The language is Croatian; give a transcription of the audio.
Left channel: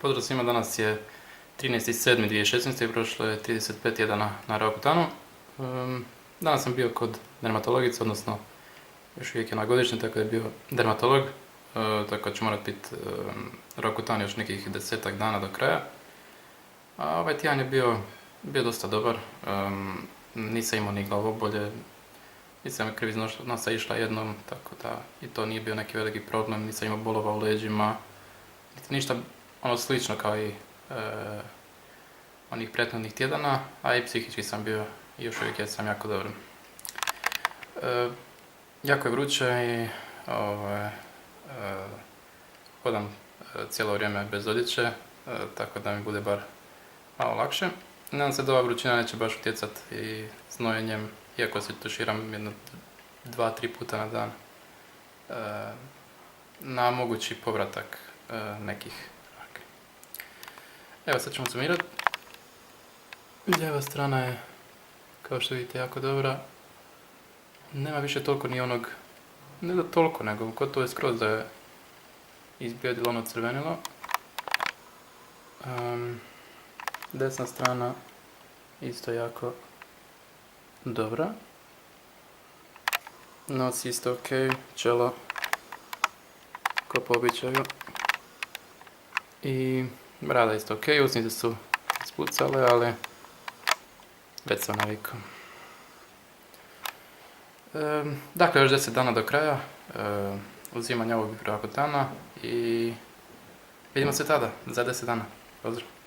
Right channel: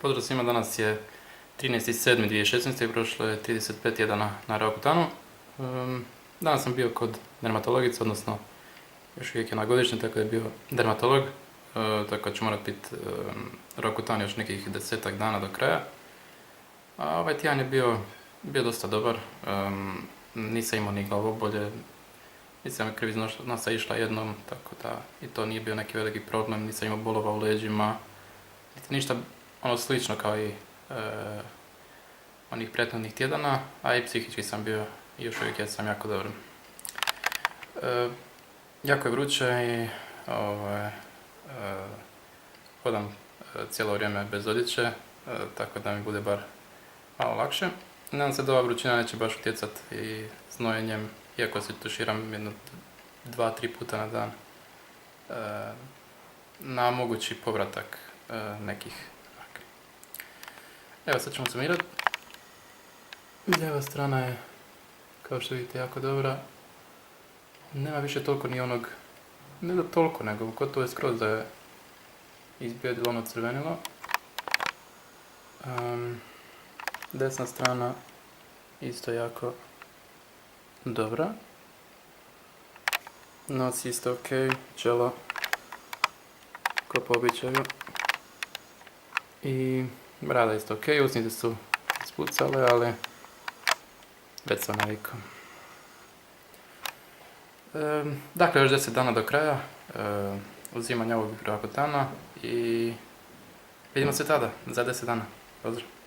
Pozdrav svima, danas je 13.7.2016. i prošlo je 35 tjedana na Rakutanu. Danas sam bio kod dermatologice, odnosno još uvijek je na godišnje, tako da je bio dermatolog, tako da ću morat biti Rakutan još nekih 10 dana do kraja. A ovaj tjedan je bio dosta dobar, nisam imao ni glavobolje, nisam kriv iz nosa išla jednom, tako da i to nije bio neki veliki problem, nisam imao bolova u leđima, niti ništa slično kao i onih prethodnih tjedana, a i psihički sam bio i još uvijek jesam jako dobro. Jako je vruće i hodam cijelo vrijeme bez odjeće, tako da mi bude bar malo lakše. Nadam se da ova vrućina neće baš utjecat i znojenjem, iako se tuširam jedno 2-3 puta na dan, na mogući povratak nekih akni. Evo, sad ćemo sumirati. Lijeva strana je, kao što vidite, jako dobra. Nema više toliko ni onog, ne da toliko, nego gotovo je skroz da je izblijedilo ono crvenilo. Desna strana isto jako dobra. Nos isto ok, čelo ko po običaju. I brada isto ok, usnice su ispucale, ali već sam navikao. Dakle, još 10 dana do kraja uzimanja ovog Rakutana i vidimo se tada, za 10 dana. Pozdrav!